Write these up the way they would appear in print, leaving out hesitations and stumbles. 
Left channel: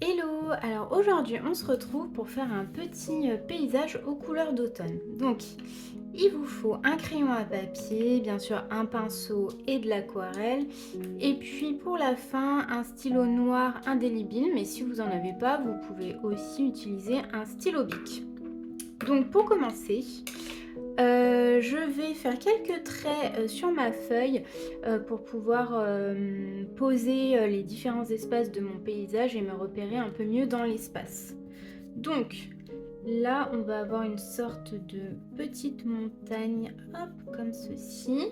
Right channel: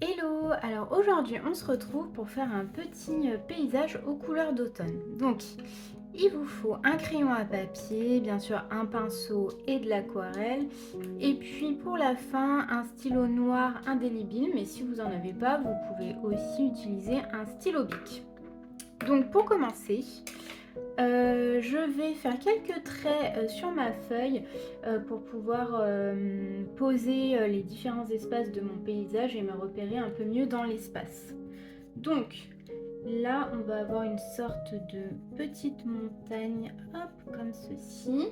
Hello! Alors aujourd'hui, on se retrouve pour faire un petit paysage aux couleurs d'automne. Donc, il vous faut un crayon à papier, bien sûr un pinceau et de l'aquarelle. Et puis pour la fin, un stylo noir indélébile, mais si vous n'en avez pas, vous pouvez aussi utiliser un stylo bic. Donc pour commencer, je vais faire quelques traits sur ma feuille pour pouvoir poser les différents espaces de mon paysage et me repérer un peu mieux dans l'espace. Donc là, on va avoir une sorte de petite montagne, hop, comme ceci.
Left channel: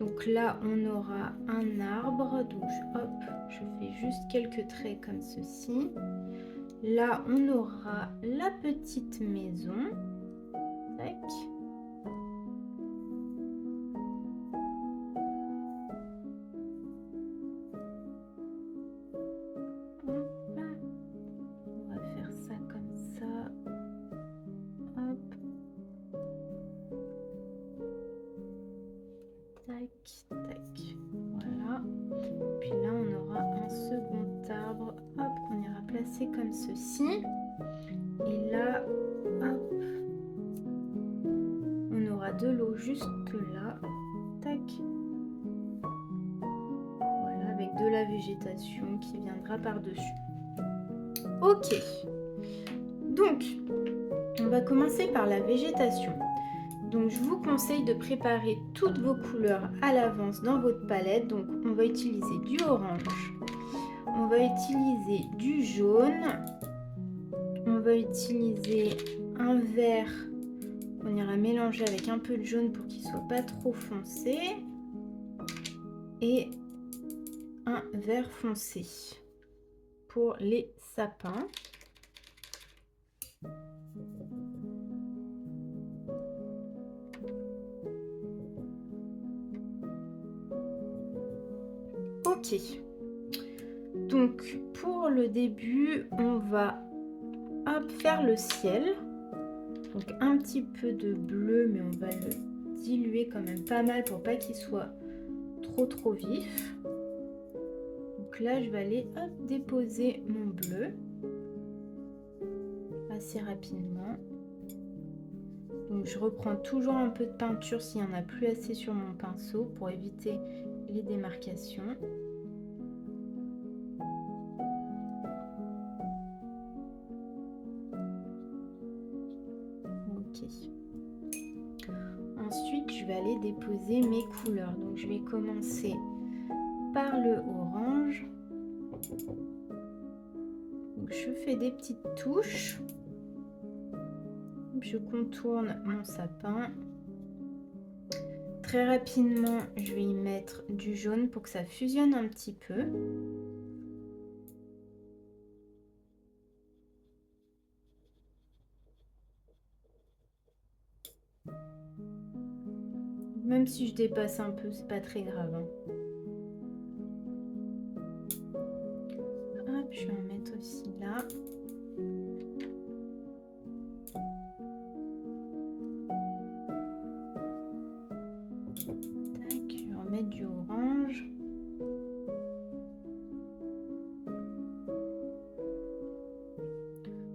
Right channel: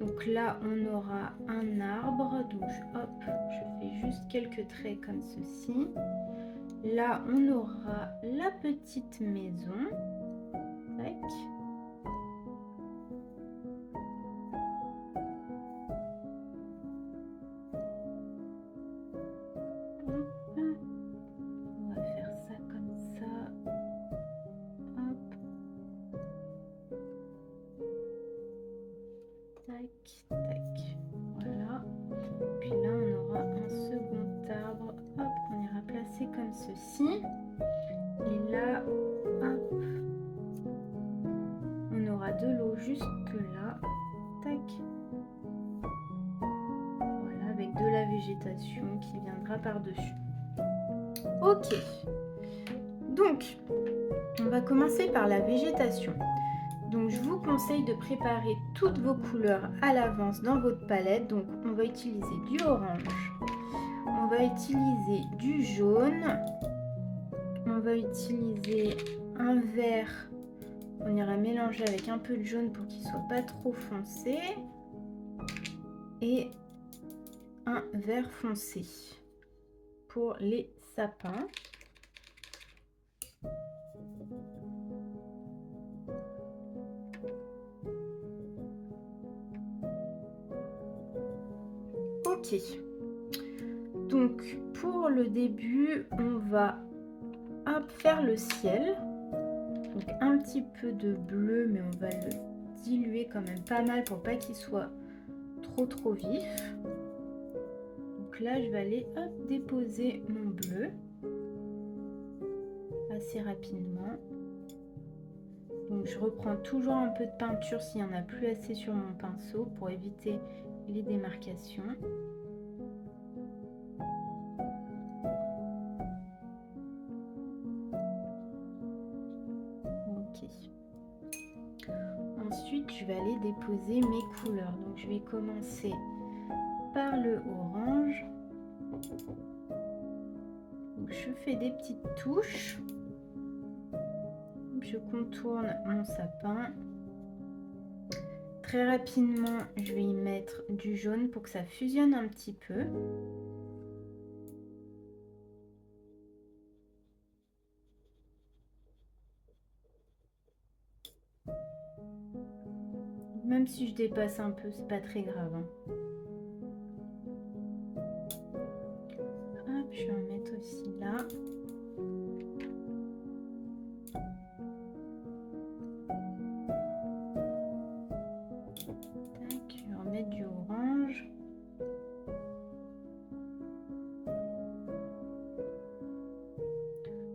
Donc là, on aura un arbre, donc hop, je fais juste quelques traits comme ceci. Là, on aura la petite maison. Tac. On va faire ça comme ça. Hop. Tac, tac. Voilà. Puis là, on aura un second arbre. Hop, qu'on ira placer comme ceci. Et là, hop, on aura de l'eau jusque là. Tac. Voilà, avec de la végétation qui viendra par-dessus. Ok. Donc, on va commencer par la végétation. Donc je vous conseille de préparer toutes vos couleurs à l'avance dans votre palette. Donc on va utiliser du orange, on va utiliser du jaune, on va utiliser un vert, on ira mélanger avec un peu de jaune pour qu'il ne soit pas trop foncé, et un vert foncé pour les sapins. Ok, donc pour le début, on va faire le ciel. Donc un petit peu de bleu, mais on va le diluer quand même pas mal pour pas qu'il soit trop vif. Donc là, je vais aller déposer mon bleu assez rapidement. Donc je reprends toujours un peu de peinture s'il n'y en a plus assez sur mon pinceau pour éviter les démarcations. Ok. Ensuite, je vais aller déposer mes couleurs. Donc je vais commencer par le orange. Donc, je fais des petites touches. Je contourne mon sapin. Très rapidement, je vais y mettre du jaune pour que ça fusionne un petit peu. Même si je dépasse un peu, c'est pas très grave, hein. Hop, je vais en mettre aussi là. Tac, je vais remettre du orange.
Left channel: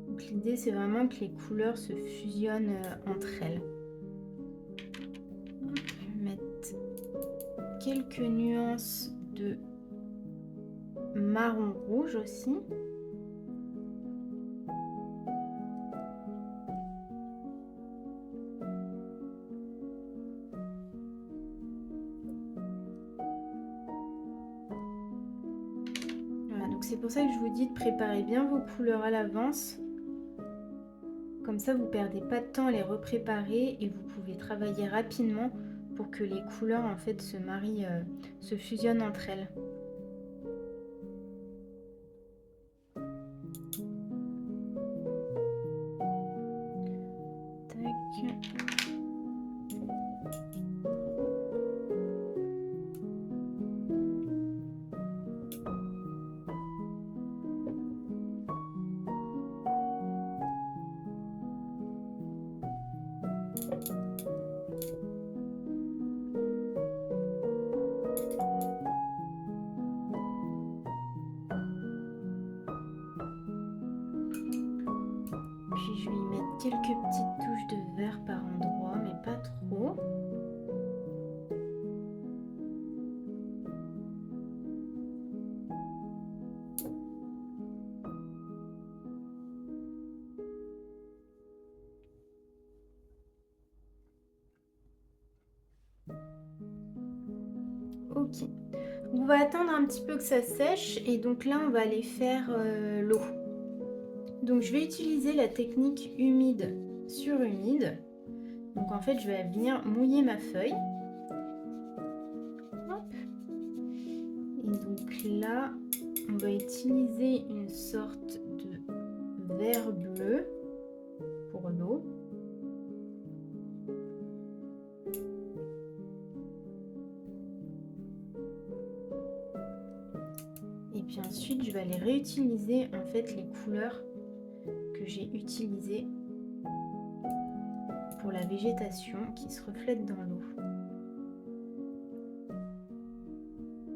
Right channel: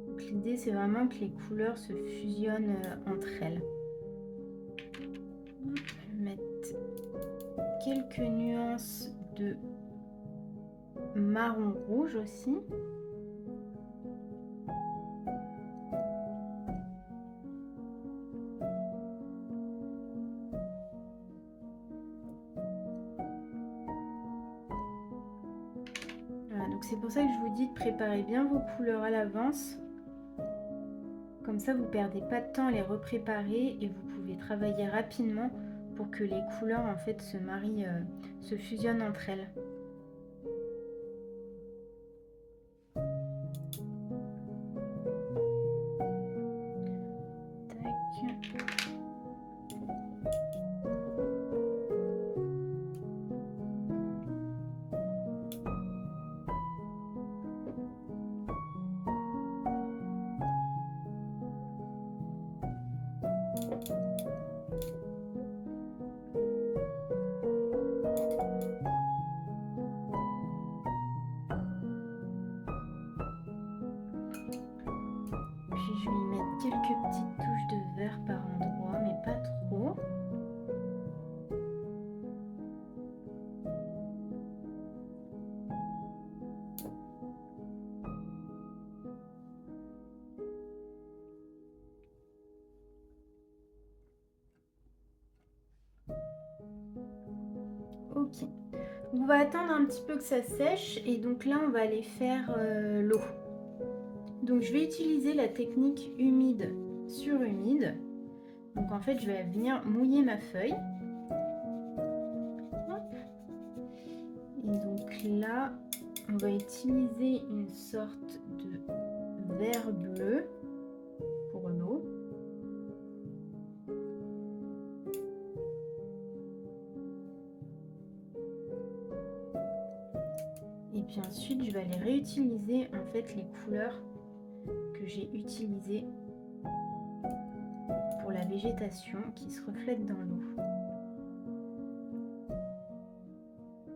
Donc l'idée, c'est vraiment que les couleurs se fusionnent entre elles. Je vais mettre quelques nuances de marron rouge aussi. Voilà, donc c'est pour ça que je vous dis de préparer bien vos couleurs à l'avance. Comme ça, vous ne perdez pas de temps à les repréparer et vous pouvez travailler rapidement pour que les couleurs en fait se marient, se fusionnent entre elles. Tac. puis je vais y mettre quelques petites touches de vert par endroit, mais pas trop. Ok, on va attendre un petit peu que ça sèche et donc là on va aller faire l'eau. Donc je vais utiliser la technique humide sur humide. Donc en fait je vais venir mouiller ma feuille. Hop. Et donc là on va utiliser une sorte de verre bleu pour l'eau. Et puis ensuite, je vais aller réutiliser en fait les couleurs que j'ai utilisées pour la végétation qui se reflète dans l'eau.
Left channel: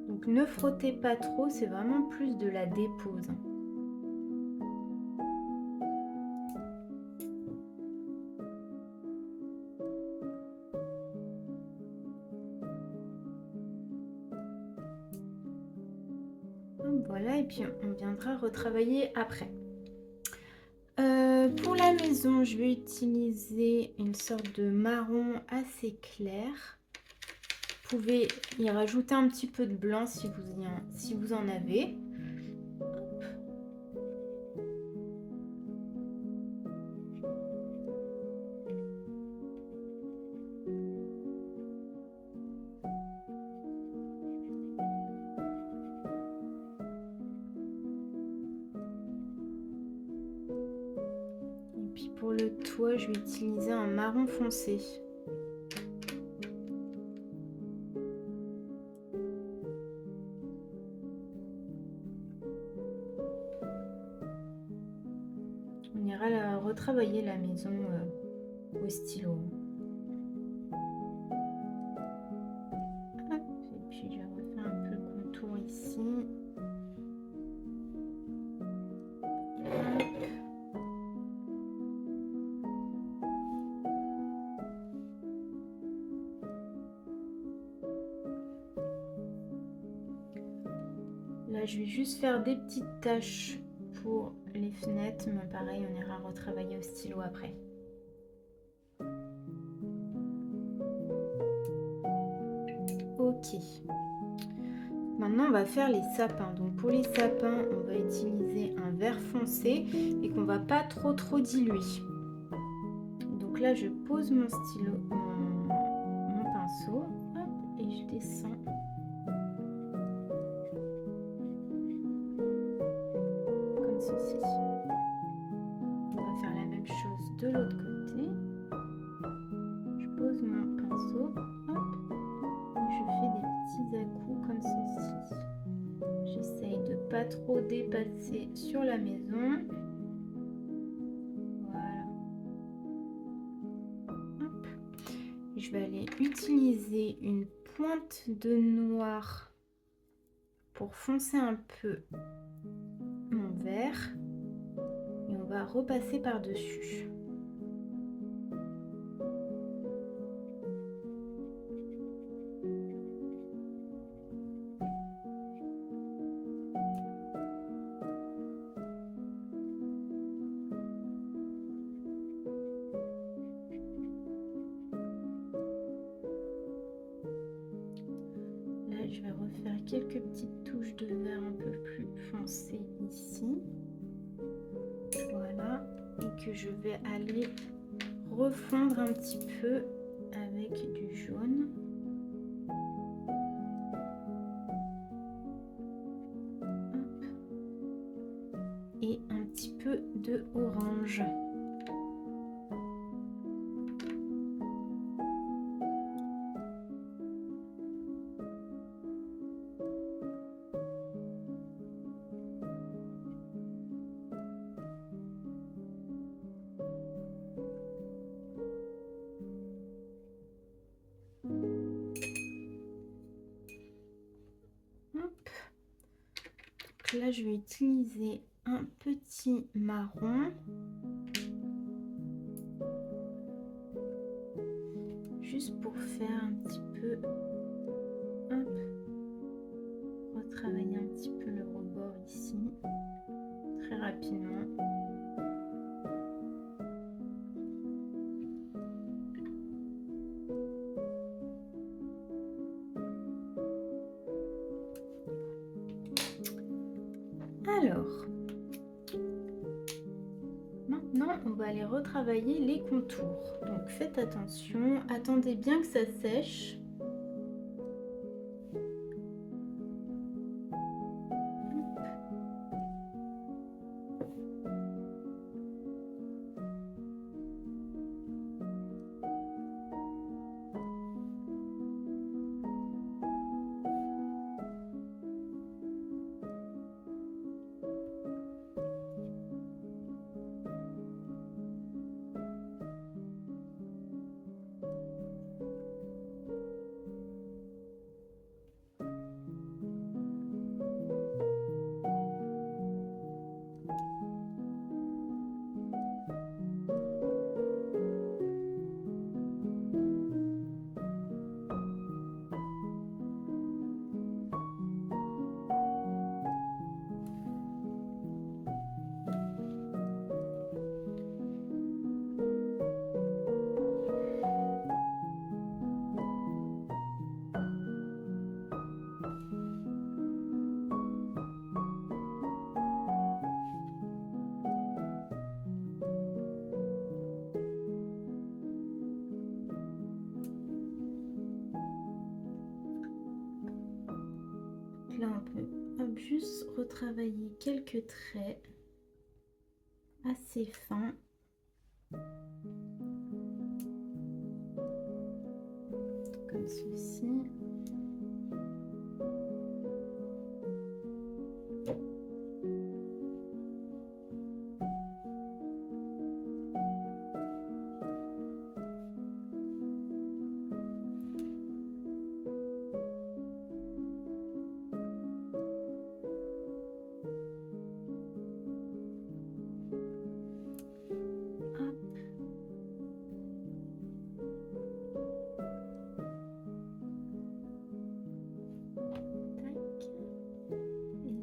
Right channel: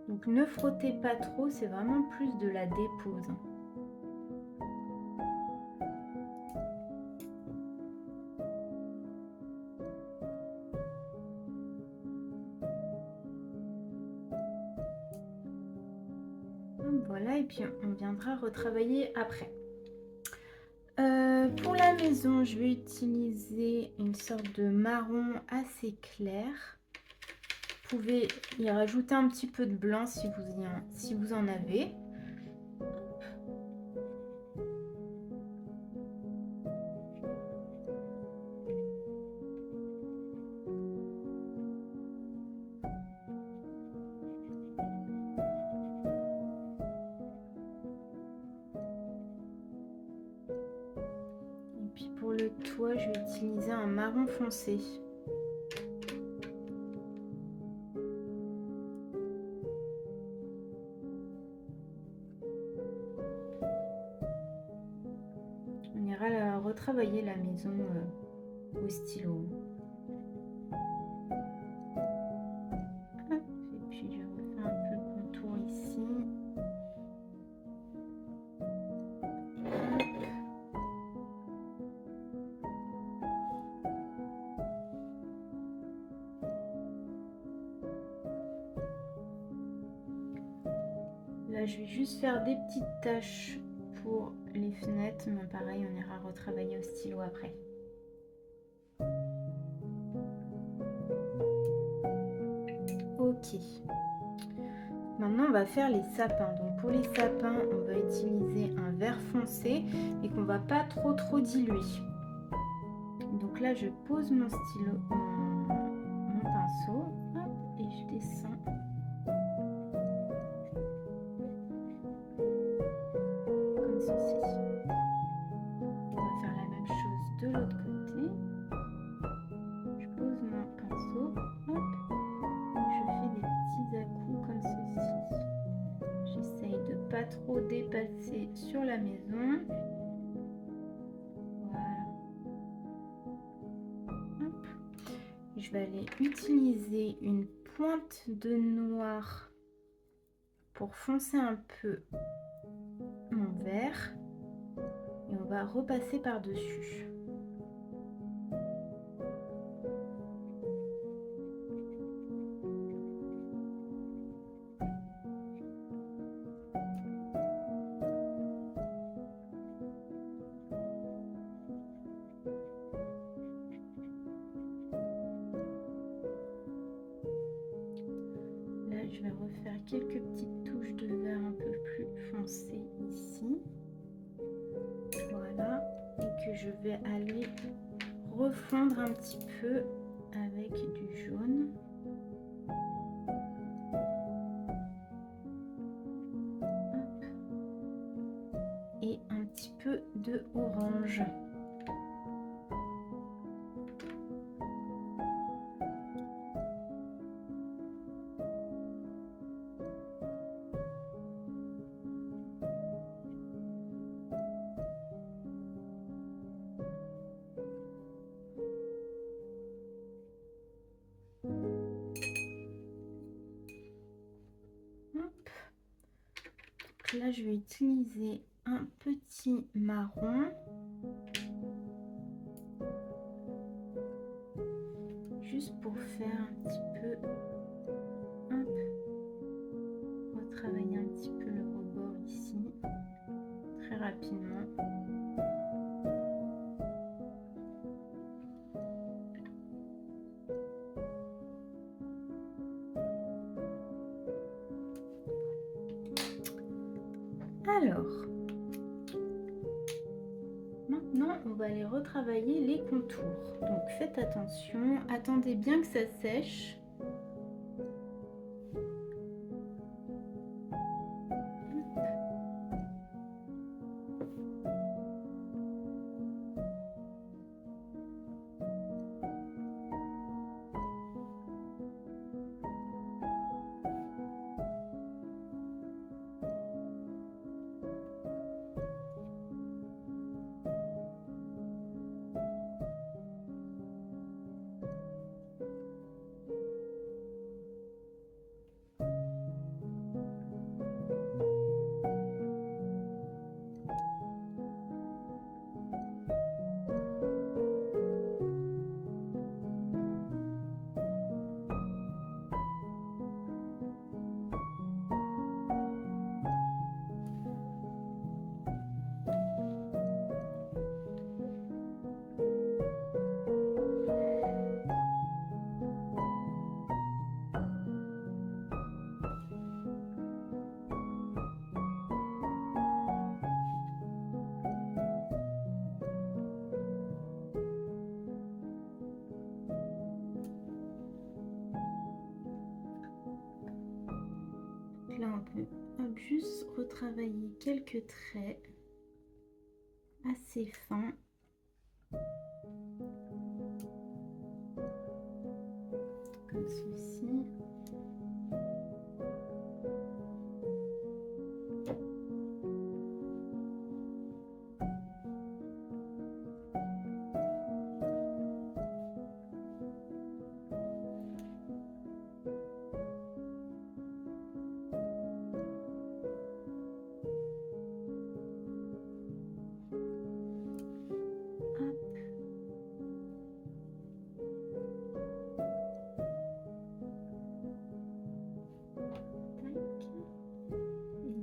Donc ne frottez pas trop, c'est vraiment plus de la dépose. Voilà, et puis on viendra retravailler après. Pour la maison, je vais utiliser une sorte de marron assez clair. Vous pouvez y rajouter un petit peu de blanc si vous en avez. Et puis pour le toit, je vais utiliser un marron foncé. On ira retravailler la maison au stylo. Hop, et puis je refais un peu le contour ici. Hop. Là, je vais juste faire des petites taches pour les fenêtres, mais pareil, on ira retravailler au stylo après. Ok. Maintenant, on va faire les sapins. Donc pour les sapins, on va utiliser un vert foncé et qu'on va pas trop diluer. Donc là, je pose mon stylo, mon pinceau, hop, et je descends. Comme ceci. On va faire la même chose de l'autre côté. Je pose mon pinceau, hop, et je fais des petits à-coups comme ceci. J'essaye de pas trop dépasser sur la maison. Voilà. Hop. Et je vais aller utiliser une pointe de noir pour foncer un peu mon vert. Et on va repasser par-dessus. Là, je vais refaire quelques petites touches de vert un peu plus foncé ici. Voilà. Et que je vais aller refondre un petit peu avec du jaune. Hop. Et un petit peu de orange. Là, je vais utiliser un petit marron juste pour faire un petit peu, hop, retravailler un petit peu le rebord ici, très rapidement. Alors, maintenant, on va aller retravailler les contours. Donc, faites attention, attendez bien que ça sèche. Là, on peut juste retravailler quelques traits assez fins. Comme ceci.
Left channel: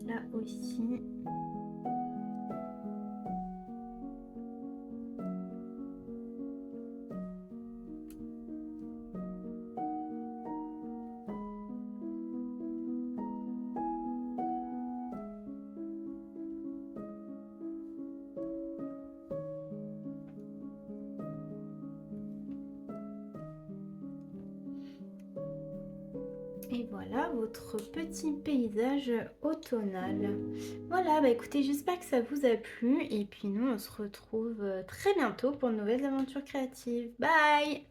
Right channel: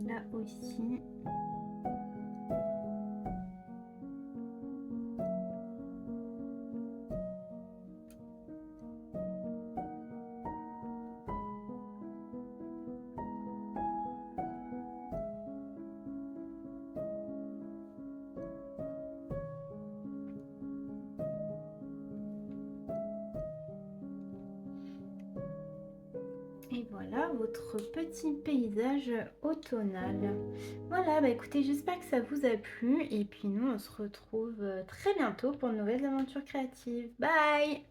Là aussi. Et voilà votre petit paysage automnal. Voilà, bah écoutez, j'espère que ça vous a plu. Et puis nous, on se retrouve très bientôt pour de nouvelles aventures créatives. Bye!